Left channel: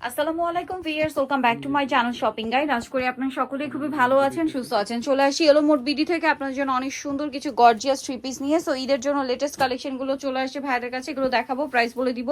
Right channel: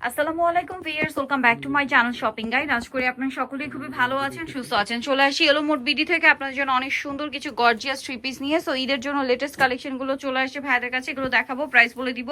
আসসালামু আলাইকুম viewers, welcome back to my channel shopping guide. আশা করি আপনারা সকলেই খুবই ভালো আছেন, সুস্থ আছেন। চলে আসি এলো মোট বিডি থেকে আপনাদের জন্য অনেক সুন্দর কিছু গর্জিয়াস থ্রি পিস নিয়ে। সো ঈদের জন্য লেটেস্ট কালেকশনগুলো চলে আসছে ভাইদের কাছে, এগুলো দেখাবো, প্রাইস বলে দিব।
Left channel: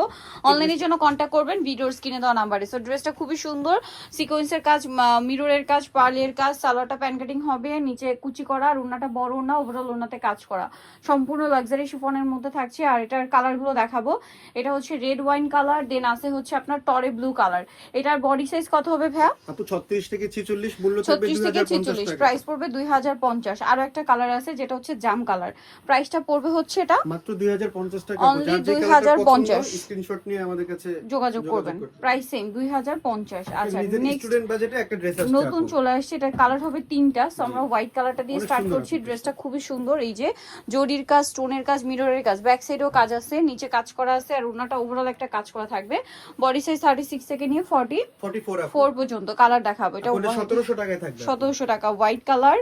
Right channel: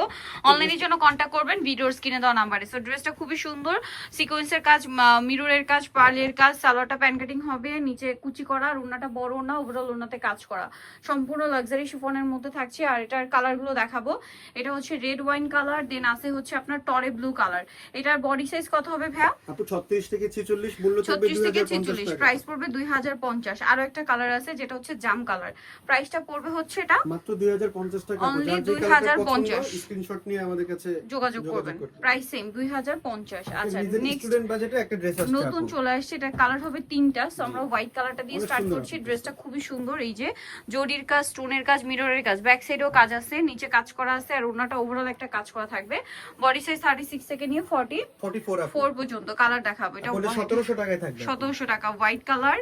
অনলাইনের জন্য কন্ট্যাক্ট করবেন ভিডিওর স্ক্রিনে দেওয়া নাম্বারে। সো ড্রেসটা খুবই সুন্দর, সিকোয়েন্সের কাজ, মিররের কাজ, পার্লের কাজ, সালোয়ারটা প্যান কাটিং হবে, নিচে কুচি করা, আর ওড়নাটা বড় ওড়না, ওভারঅল ওড়নাতে কাজ করা, সম্পূর্ণ লাক্সারি শিফনের মধ্যে থাকছে। আর এটার কালারগুলো দেখাবো। এটা হচ্ছে রেড ওয়াইন কালার, দেন আছে হচ্ছে আপনার টরে ব্লু কালার। এটার বডি সাইজ কত হবে ভাইয়া? আপু 36 থেকে 46, মূল্য থাকবে 2050 টাকা, প্রাইস পড়বে 2050। আরো একটা কালার আছে যেটা হচ্ছে জাম কালার, প্রাইসটা পড়বে হচ্ছে এটা মাত্র 2050 টাকা। Only যার যে কালারটা পছন্দ 2050 স্ক্রিনশট নিয়ে আমাদের কাছে যোগাযোগ করবেন। Price same 2050। আচ্ছা, নিজের নেক্সট স্টুডেন্ট বাজেটে একটা ড্রেস আসছে নতুন আপু। চলে আসছে, এটার কালার হবে তিনটা। সো আমরা হোয়াইট কালারটা দিয়ে অনেক স্টার্ট সুন্দর করছি। আপু। ড্রেসটা খুবই সুন্দর, এই যে জরির কাজ, স্টোনের কাজ, মিররের কাজ, ব্যাক সাইডেও কাজ আছে, নিচে কাজ করা আছে, আর ওড়নাটা ওভারঅল একটা কাজ করা থাকবে। বডি সাইজ 36 থেকে নিয়ে 44 আপু। 44 পর্যন্ত। কালার দেখাবো। এটা 1700 টাকায় থাকবে। 1700 টাকা হোয়াইট কালার।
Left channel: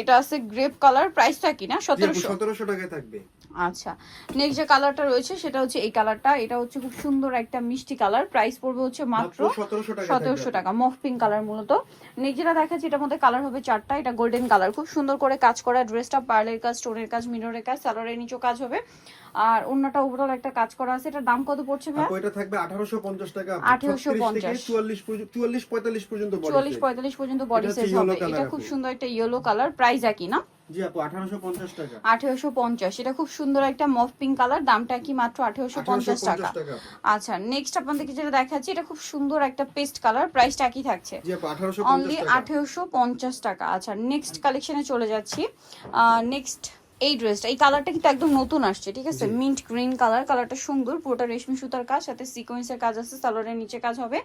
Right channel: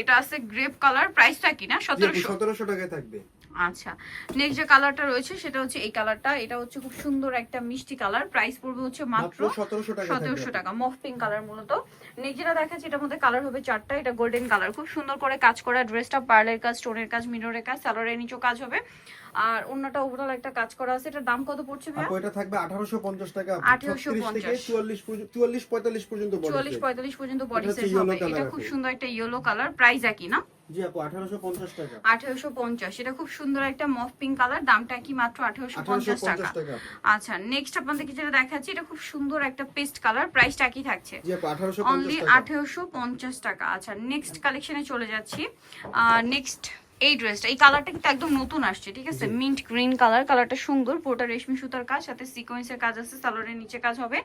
এটা আছে গ্রেপ কালার, প্রাইসটা কি না 1700? 1700 টাকায় থাকবে। আচ্ছা, নেক্সট যে কালারটা রয়েছে সেটা হচ্ছে এই কালারটা। এটা হচ্ছে খুব সুন্দর একটা মিষ্টি কালার, প্রাইস পড়বে হচ্ছে মাত্র 1700 টাকা। 1700 টাকা। মফ পিঙ্ক কালার মূলত। নেক্সট যেটা দেখাচ্ছি এটার মধ্যে কালার হবে চারটা। এটা গোল্ডেন কালার, খুব সুন্দর করে কাজ করা ড্রেসটা, পার্লের কাজ, স্টোনের কাজ, মিররের কাজ, সালোয়ারের নিচেও কাজ হবে, আর অন্যটা ওভারঅল একটা কাজ করা আছে। এটার দাম কত পড়ছে ভাই? আপু এটা থাকবে 1850 টাকা। 1850 থেকে 44 45 পর্যন্ত বডি সাইজ। 44-45 পর্যন্ত বডি এটা হচ্ছে সাইজ yellow হবে। color এটা আপু। খুব সুন্দর একটা ইয়েলো কালার, প্রাইস একই না? জি আপু 1850 টাকা। 1850। এটা খুব সুন্দর একটা মফ পিঙ্ক কালার, দামটা কি মাত্র 1850 টাকা। 1850 টাকা। আচ্ছা, নেক্সট আপনাদেরকে যেটা দেখাচ্ছি এটা খুব সুন্দর একটা পেস্ট কালার, প্রাইসটা কি থাকছে? জি আপু অনলি 1850 টাকা। 1850 টাকা। আচ্ছা, নেক্সট কালেকশনে চলে যাচ্ছি। নেক্সট এই ড্রেসটা, এই কালারটা কিন্তু একদম নতুন আসছে, ঠিক আছে? মিন্ট গ্রিন কালার, কালারটা সুন্দর, পুরোটা রেশমি সুতার কাজ, সাথে সিকোয়েন্সের কাজ আছে, সালোয়ারের নিচে কাজ হবে,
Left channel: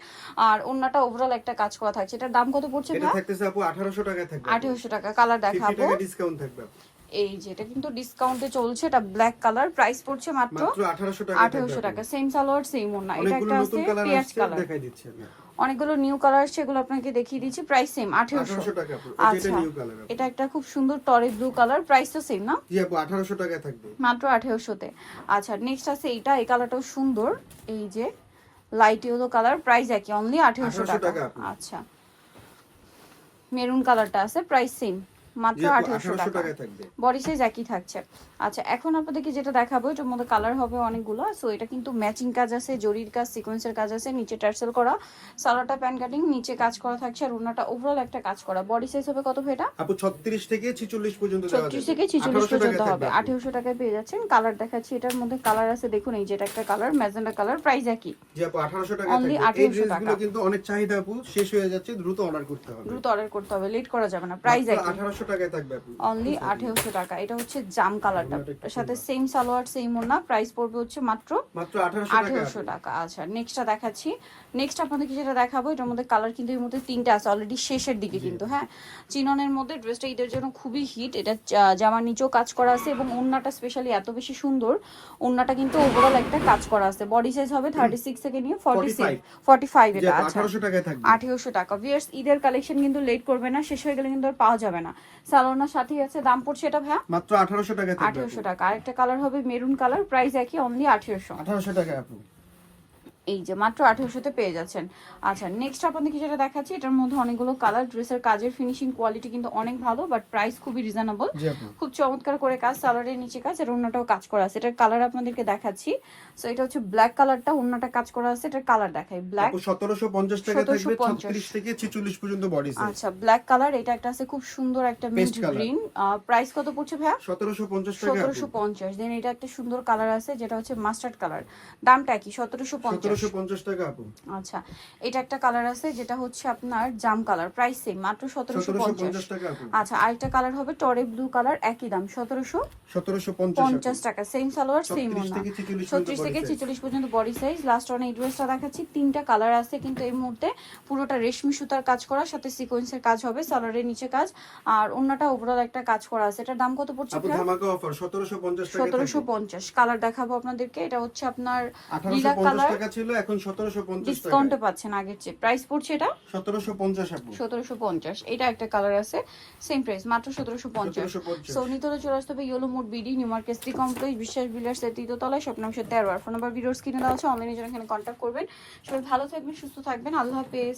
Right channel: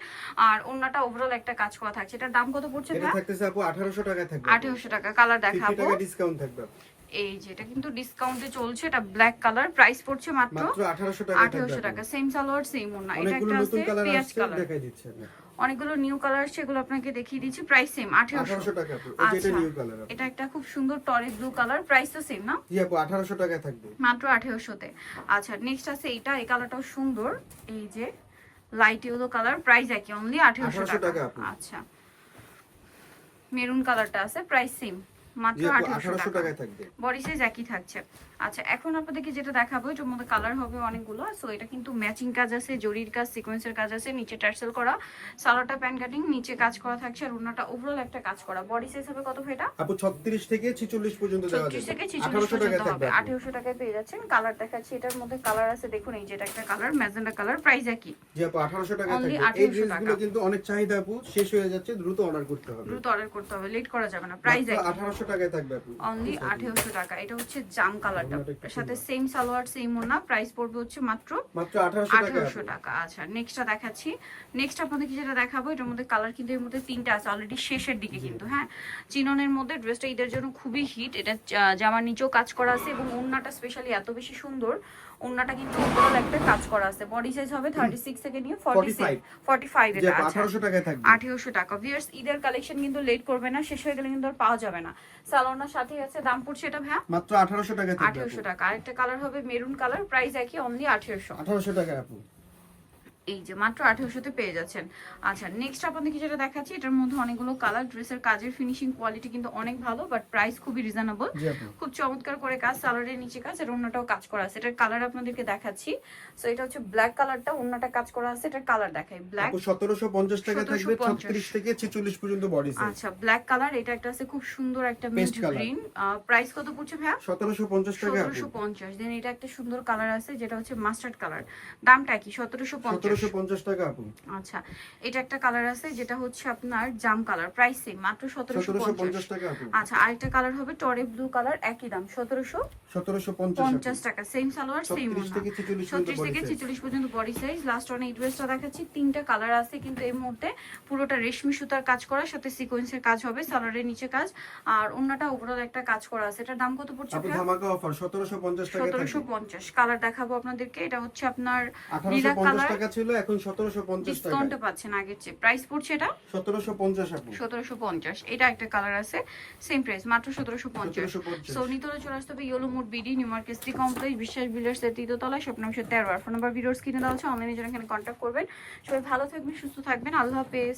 আর ওন্নাটা ওভারঅল একটা কাজ করা থাকছে। এটার দাম কত পড়ছে এটা ভাই? থাকতেছে আপু 1800 টাকায় থাকবে। 1800 টাকা। কালার 50 দেখাবো। টাকা ডিসকাউন্ট থাকবে আপু। এই যে এটা কিন্তু ডিসকাউন্টে চলছে, এটা ব্ল্যাক কালার, প্রাইস পড়ছে মাত্র 1800 টাকা। 1800 টাকা। সেম সালোয়ার সেম ওন্না। এটা অনেকগুলো একটা নতুন আছে কালার পেঁয়াজ আসছে, কালার, দেখাই দিচ্ছি আমি। অনেকগুলো নিউ কালার আসছে, এগুলো আপনাকে দেখিয়ে দিচ্ছি। প্রাইস সেম 1800 টাকা আপু। এই যে এটা নিউ কালার আপু। এটা একটা খুব সুন্দর টরে ব্লু কালার, প্রাইস তো সেম না? জি আপু 1800 টাকায় থাকবে। মাত্র 1800 তে। আচ্ছা, নেক্সট আছে এইটা, এই কালারটাও সুন্দর, এই যে লাইট ইয়েলো কালার, প্রাইস একই, অনলি 1800 টাকা। আপু। আচ্ছা, মেরুন কালারটা আছে, প্রাইস সেম, মাত্র জি আপু 1800 1800 টাকা। টাকায় থাকবে। বডি সাইজ একই থাকছে। আচ্ছা, এখন আপনাদেরকে যেটা দেখাবো এটার মধ্যে কালার হবে অনেকগুলো। সো এটা কিন্তু ম্যাচিং কাজ আছে, জরির কাজ, সিকোয়েন্সের কাজ আছে, নিচে টার্সেল করা, সালোয়ারটা প্যান কাটিং, নিচে কাজ করা থাকছে, আর ওড়নাটা ওভারঅল একটা কাজ করা। বডি সাইজ হবে কত এটা? আপু 36 থেকে 46 পর্যন্ত দেওয়া 36 যাবে। থেকে 46 1800 পর্যন্ত টাকায় হবে। থাকবে। 1800 টাকায় পেয়ে যাচ্ছেন। কালার দেখাচ্ছি, এটার মধ্যে কালার আছে, দেখুন এই যে এটা একটা কালার, ম্যাজেন্ডা কালার, প্রাইস একই, জি আপু 1800 টাকায় Only থাকবে। এই 1800 ড্রেসগুলো টাকা। কিন্তু অনেক চাহিদা আপু, শেষ হয়ে যাচ্ছে, দ্রুত অর্ডার করতে হবে। দ্রুত অর্ডার করতে হবে, লেট করা যাবে না। প্রাইস মাত্র একই, 1800 টাকায় থাকবে আপু। অনলি 1800 টাকা। এটা হচ্ছে জাম কালারটা, ওড়নাটা একটু সাথে সুন্দর। সেম সালোয়ার সেম ওড়না, প্রাইস পড়বে হচ্ছে মাত্র 1800 টাকা। 1800 টাকা। আচ্ছা, নেক্সটটা দেখাচ্ছি। নেক্সট আপনাদেরকে যেটা দেখাবো এটার মধ্যে কালার কিন্তু এর মধ্যে তিনটা আছে, অলরেডি শেষের দিকে কিন্তু। হ্যাঁ, চিননের মধ্যে ড্রেসটা ঈদের জন্য খুবই হিট। এটা জামার নিচেও কাজ করা আছে, এবং ওড়নাটা স্পেশালি এত বেশি সুন্দর, ওড়নাটা কিন্তু ওভারঅল একটা কাজ করা আছে। বডি সাইজ হবে 36 থেকে নিয়ে 45 জি এটা। আপু আচ্ছা, 1800 টাকায় থাকবে। 1800 টাকা। ভিউয়ার্স, ঈদের কালেকশন কিন্তু লেট করবে না, শেষ হয়ে গেলে কিন্তু আর পাওয়া যাবে না। সালোনার সাথে আছে, দাম পড়ছে এটা ভাইয়া মাত্র 1800 টাকায় থাকবে। 1800 টাকা। আরেকটা কালার হবে মেরুন কালার, প্রাইস একই, অনলি 1800। 1800 টাকায় আপু। এই যে মাত্র 1800 তে পেয়ে যাচ্ছেন। আচ্ছা, নেক্সট আপনাদেরকে যেটা দেখাচ্ছি এটার মধ্যে অনেকগুলো কালার। ড্রেসের কাজের ফিনিশিং কোয়ালিটি কিন্তু অনেক ভালো, বাট প্রাইস খুবই রিজনেবল। জি আপু। খুব চমৎকার করে কাজ, সালোয়ারের নিচে কাজ, আর অন্যটাও কাজ করা আছে। এটার কালার আপনাদেরকে দেখাচ্ছি। সো এটা হচ্ছে ব্ল্যাক কালারটা, অন্যটা কাজ করা আছে। এটার কালার দেখাই, ব্ল্যাক। আপু 1750 টাকায় থাকবে। 1750 36 থেকে 46 পর্যন্ত বডি সাইজ। আচ্ছা, ব্ল্যাক কালার। এটা একটা আছে খুব সুন্দর একটা mint Paste color। Green, price কত পড়ছে ভাইয়া? 1750 টাকা আপু। 1750। দেন এটা একটা সুন্দর কালার আছে যেটা হচ্ছে মাস্টার্ড কালার, দামটা কি? 1750। 1750 টাকা আপু। আচ্ছা, এটা একটা কালার আছে যেটা হচ্ছে আপনার জাম কালার, প্রাইস সেম, মাত্র 1750 1750 টাকা আপু। আচ্ছা, আরেকটা কালার হবে টরে ব্লু কালার, একই দাম 1750 টাকা। সেম সালোয়ার সেম 36 ওড়না। থেকে 46 36 পর্যন্ত থেকে body size। 46 পর্যন্ত বডি সাইজ। লাস্ট অন এই ড্রেসটা দেখাচ্ছি, তিনটা কালার আছে কিন্তু এই মুহূর্তে। পুরোটা রেশমি সুতার কাজ করা, সাথে সিকোয়েন্সের কাজ হবে, সালোয়ারের নিচে কাজ, আর ওড়নাটা ওভারঅল একটা কাজ করা আছে। এটার দাম কত পড়ছে? আপু ধামাকা অফার 1750 টাকায় থাকবে। 1750। কালার দেখাবো আপনাদেরকে। এটা হচ্ছে আপনার লিলাক 1850 কালার, টাকা ছিল, ছিল, এখন 1750 টাকা। ডিসকাউন্টে পাচ্ছেন আগের চেয়ে। প্রাইস পড়ছে এটা 1750 আপু। 1750। এটা একটা কালার আছে, সেম প্রাইস মাত্র 1750। 1750। সো নিতে হলে চলে আসতে হবে yellow mode BD, new market city complex, বিশ্বাস বিল্ডার্সের তৃতীয়তলায়, শপ নম্বর 13। আর ফোন নাম্বার ভিডিওস কিনে দেওয়া আছে, অনলাইনে যারা এখানে কন্ট্যাক্ট করবেন। সবাই ভালো থাকবেন, সুস্থ থাকবেন, আল্লাহ হাফেজ।